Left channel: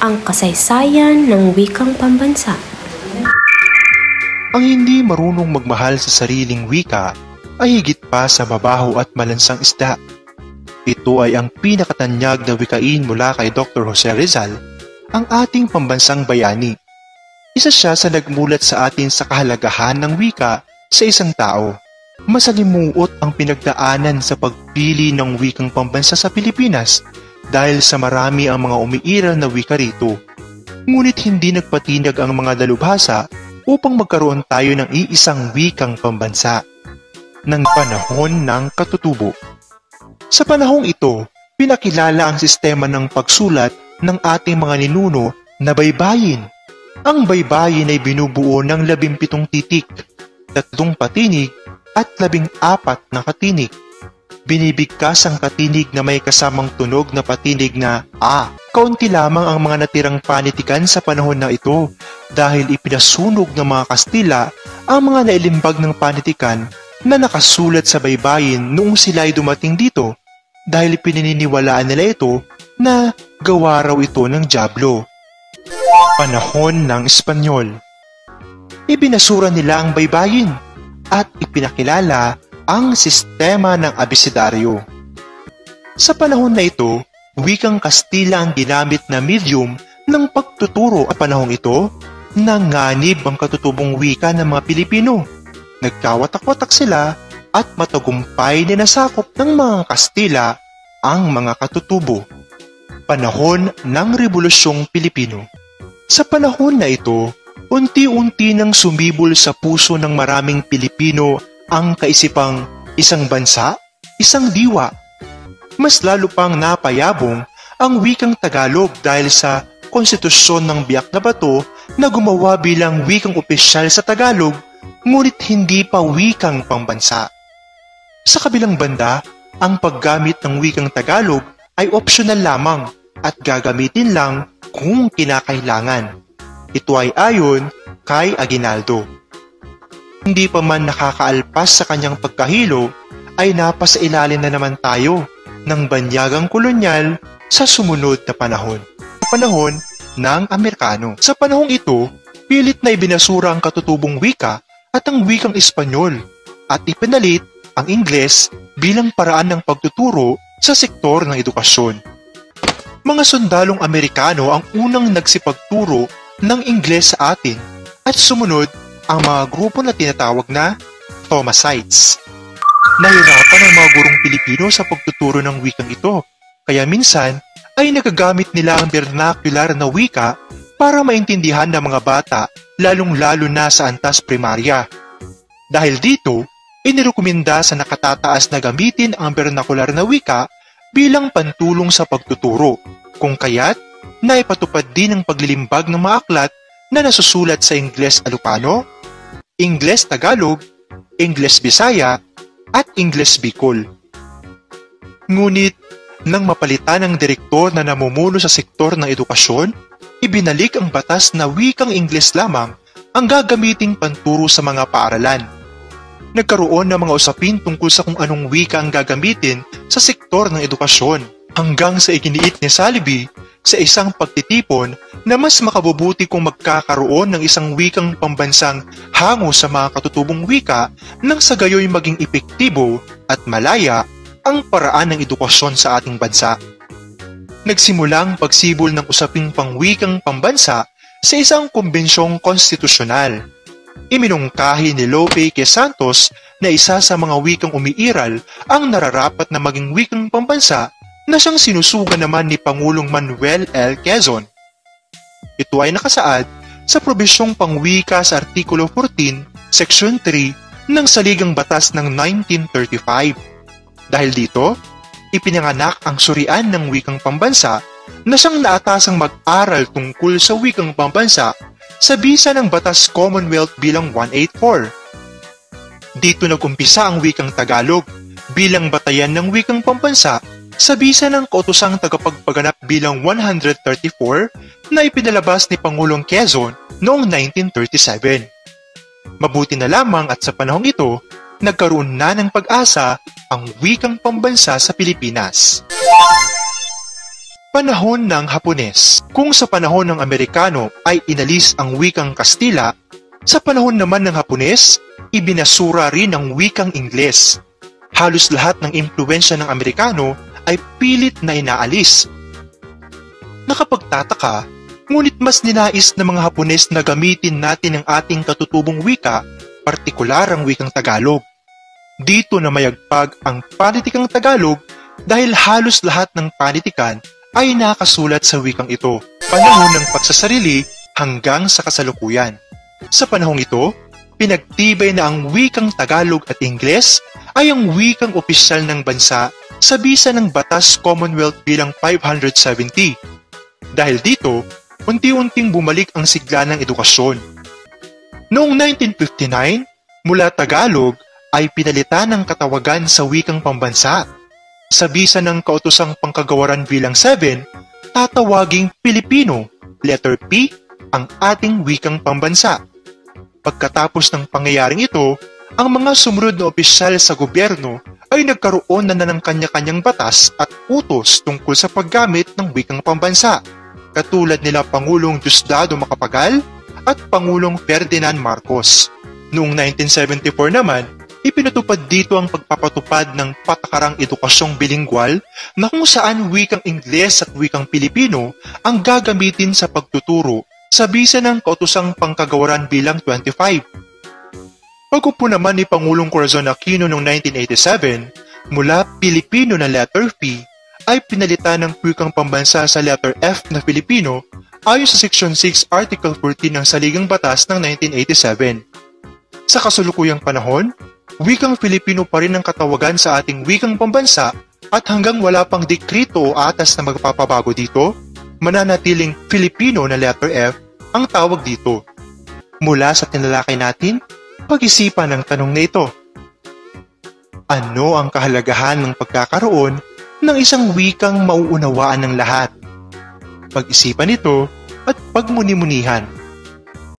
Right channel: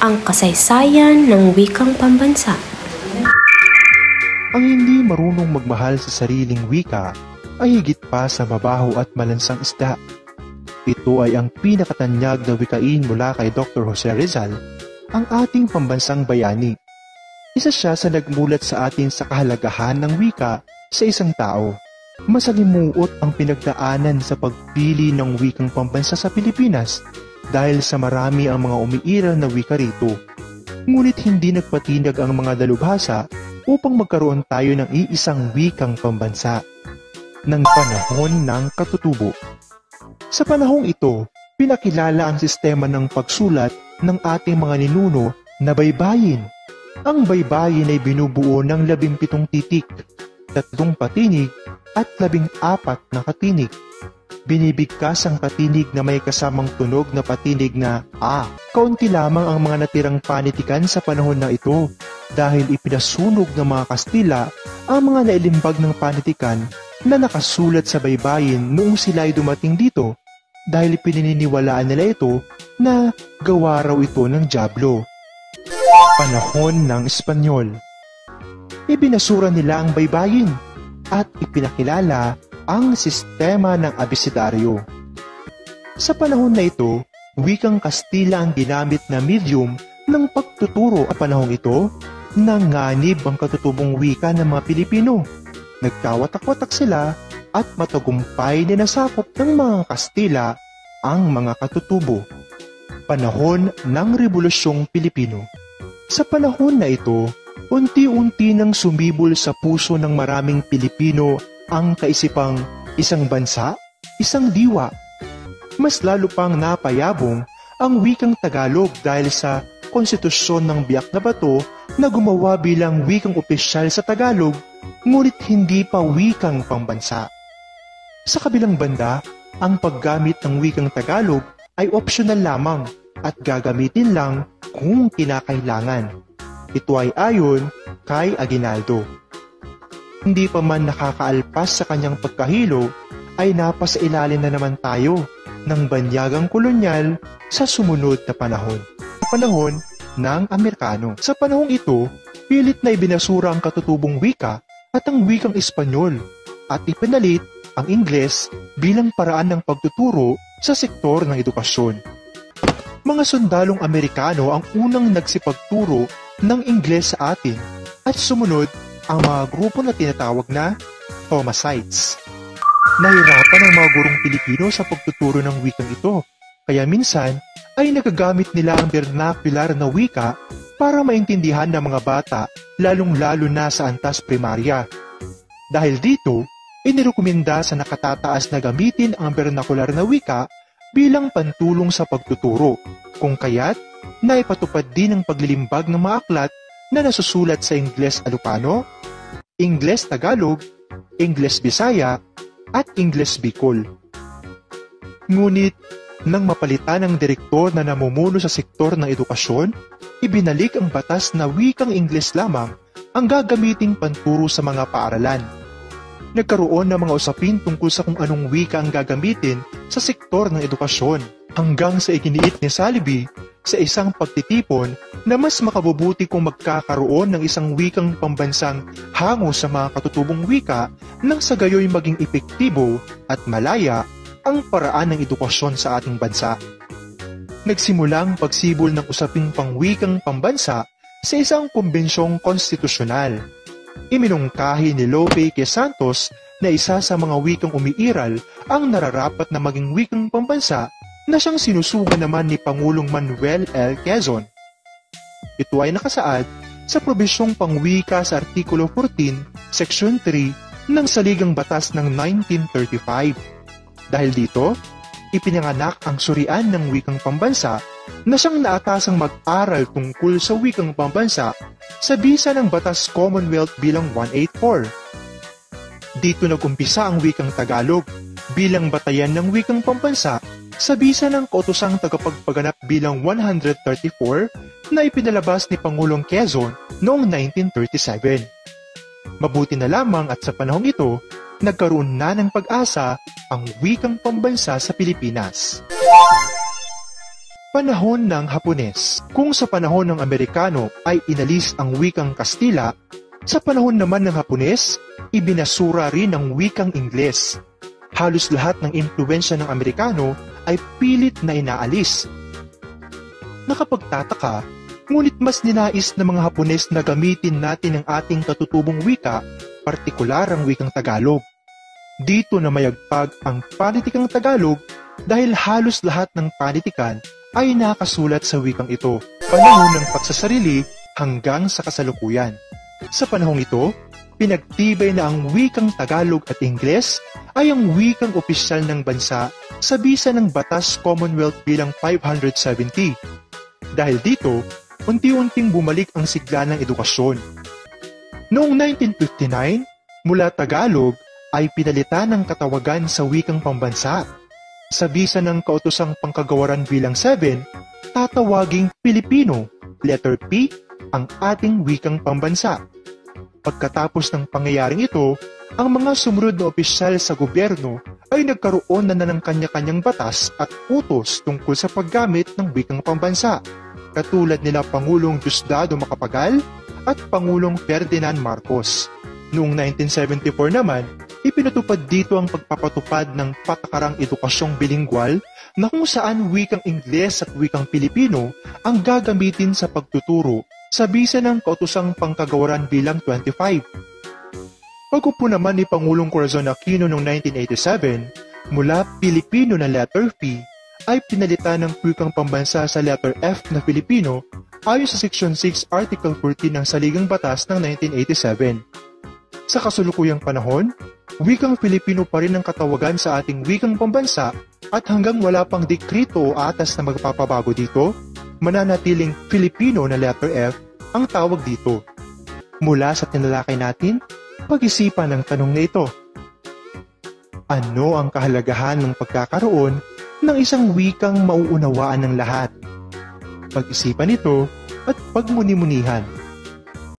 Ang kasaysayan ng wikang pambansa. Ang hindi marunong magmahal sa sariling wika ay higit pa sa mabaho at malansang isda. Ito ay ang pinakatanyag na wikain mula kay Dr. Jose Rizal, ang ating pambansang bayani. Isa siya sa nagmulat sa atin sa kahalagahan ng wika sa isang tao. Masalimuot ang pinagdaanan sa pagpili ng wikang pambansa sa Pilipinas dahil sa marami ang mga umiiral na wika rito. Ngunit hindi nagpatinag ang mga dalubhasa upang magkaroon tayo ng iisang wikang pambansa ng panahon ng katutubo. Sa panahong ito, pinakilala ang sistema ng pagsulat ng ating mga ninuno na baybayin. Ang baybayin ay binubuo ng 17 titik, 3 patinig at 14 na katinig. Binibigkas ang patinig na may kasamang tunog na patinig na A. Kaunti lamang ang mga natirang panitikan sa panahon na ito dahil ipinasunog ng mga Kastila ang mga nailimbag ng panitikan na nakasulat sa baybayin noong sila ay dumating dito dahil pinaniniwalaan nila ito na gawa raw ito ng dyablo. Panahon ng Espanyol. Ibinasura nila ang baybayin at ipinakilala ang sistema ng abecedaryo. Sa panahon na ito, wikang Kastila ang ginamit na medium ng pagtuturo. Sa panahong ito, nanganib ang katutubong wika ng mga Pilipino. Nagkawatak-watak sila at matagumpay na nasakop ng mga Kastila ang mga katutubo. Panahon ng Rebolusyong Pilipino. Sa panahon na ito, unti-unti nang sumibol sa puso ng maraming Pilipino ang kaisipang isang bansa, isang diwa. Mas lalo pang napayabong ang wikang Tagalog dahil sa konstitusyon ng Biak na Bato na gumawa bilang wikang opisyal sa Tagalog, ngunit hindi pa wikang pambansa. Sa kabilang banda, ang paggamit ng wikang Tagalog ay optional lamang at gagamitin lang kung kinakailangan. Ito ay ayon kay Aguinaldo. Hindi pa man nakakaalpas sa kanyang pagkahilo, ay napasailalim na naman tayo ng banyagang kolonyal sa sumunod na panahon. Panahon ng Amerikano. Sa panahong ito, pilit na ibinasura ang katutubong wika at ang wikang Espanyol at ipinalit ang Ingles bilang paraan ng pagtuturo sa sektor ng edukasyon. Mga sundalong Amerikano ang unang nagsipagturo ng Ingles sa atin at sumunod ang mga grupo na tinatawag na Thomasites. Nahirapan ang mga gurong Pilipino sa pagtuturo ng wikang ito, kaya minsan ay nagagamit nila ang vernacular na wika para maintindihan ng mga bata, lalong-lalo na sa antas primarya. Dahil dito, inirekomenda sa nakatataas na gamitin ang vernacular na wika bilang pantulong sa pagtuturo, kung kaya't naipatupad din ang paglilimbag ng mga aklat na nasusulat sa Ingles Ilocano, Ingles Tagalog, Ingles Bisaya, at Ingles Bicol. Ngunit, nang mapalitan ng direktor na namumuno sa sektor ng edukasyon, ibinalik ang batas na wikang Ingles lamang ang gagamiting panturo sa mga paaralan. Nagkaroon ng mga usapin tungkol sa kung anong wika ang gagamitin sa sektor ng edukasyon, hanggang sa iginiit ni Salibi sa isang pagtitipon na mas makabubuti kung magkakaroon ng isang wikang pambansang hango sa mga katutubong wika nang sa gayoy maging epektibo at malaya ang paraan ng edukasyon sa ating bansa. Nagsimulang pagsibol ng usaping pangwikang pambansa sa isang kumbensyong konstitusyonal. Iminungkahi ni Lope Q. Santos na isa sa mga wikang umiiral ang nararapat na maging wikang pambansa na siyang sinusugan naman ni Pangulong Manuel L. Quezon. Ito ay nakasaad sa probisyong pangwika sa Artikulo 14, Section 3 ng Saligang Batas ng 1935. Dahil dito, ipinanganak ang surian ng wikang pambansa na siyang naatasang mag-aral tungkol sa wikang pambansa sa bisa ng Batas Commonwealth bilang 184. Dito nag-umpisa ang wikang Tagalog bilang batayan ng wikang pambansa sa bisa ng Kautosang Tagapagpaganap bilang 134 na ipinalabas ni Pangulong Quezon noong 1937. Mabuti na lamang at sa panahong ito, nagkaroon na ng pag-asa ang wikang pambansa sa Pilipinas. Panahon ng Hapones. Kung sa panahon ng Amerikano ay inalis ang wikang Kastila, sa panahon naman ng Hapones, ibinasura rin ang wikang Ingles. Halos lahat ng impluwensya ng Amerikano ay pilit na inaalis. Nakapagtataka, ngunit mas ninais ng mga Hapones na gamitin natin ang ating katutubong wika, partikular ang wikang Tagalog. Dito na mayagpag ang panitikang Tagalog dahil halos lahat ng panitikan ay nakasulat sa wikang ito, panahon ng pagsasarili hanggang sa kasalukuyan. Sa panahong ito, pinagtibay na ang wikang Tagalog at Ingles ay ang wikang opisyal ng bansa sa bisa ng Batas Commonwealth bilang 570. Dahil dito, unti-unting bumalik ang sigla ng edukasyon. Noong 1959, mula Tagalog ay pinalitan ng katawagan sa wikang pambansa. Sa bisa ng Kautosang Pangkagawaran bilang 7, tatawaging Pilipino, letter P, ang ating wikang pambansa. Pagkatapos ng pangyayaring ito, ang mga sumunod na opisyal sa gobyerno ay nagkaroon na ng kanya-kanyang batas at utos tungkol sa paggamit ng wikang pambansa, katulad nila Pangulong Diosdado Macapagal at Pangulong Ferdinand Marcos. Noong 1974 naman, ipinatupad dito ang pagpapatupad ng patakarang edukasyong bilingwal na kung saan wikang Ingles at wikang Pilipino ang gagamitin sa pagtuturo sa bisa ng Kautosang Pangkagawaran bilang 25. Pag-upo naman ni Pangulong Corazon Aquino noong 1987, mula Pilipino na letter P ay pinalitan ng wikang pambansa sa letter F na Filipino ayon sa Section 6 Article 14 ng Saligang Batas ng 1987. Sa kasulukuyang panahon, wikang Filipino pa rin ang katawagan sa ating wikang pambansa at hanggang wala pang dekrito o atas na magpapabago dito, mananatiling Filipino na letter F ang tawag dito. Mula sa tinalakay natin, pag-isipan ang tanong na ito. Ano ang kahalagahan ng pagkakaroon ng isang wikang mauunawaan ng lahat? Pag-isipan ito at pagmuni-munihan.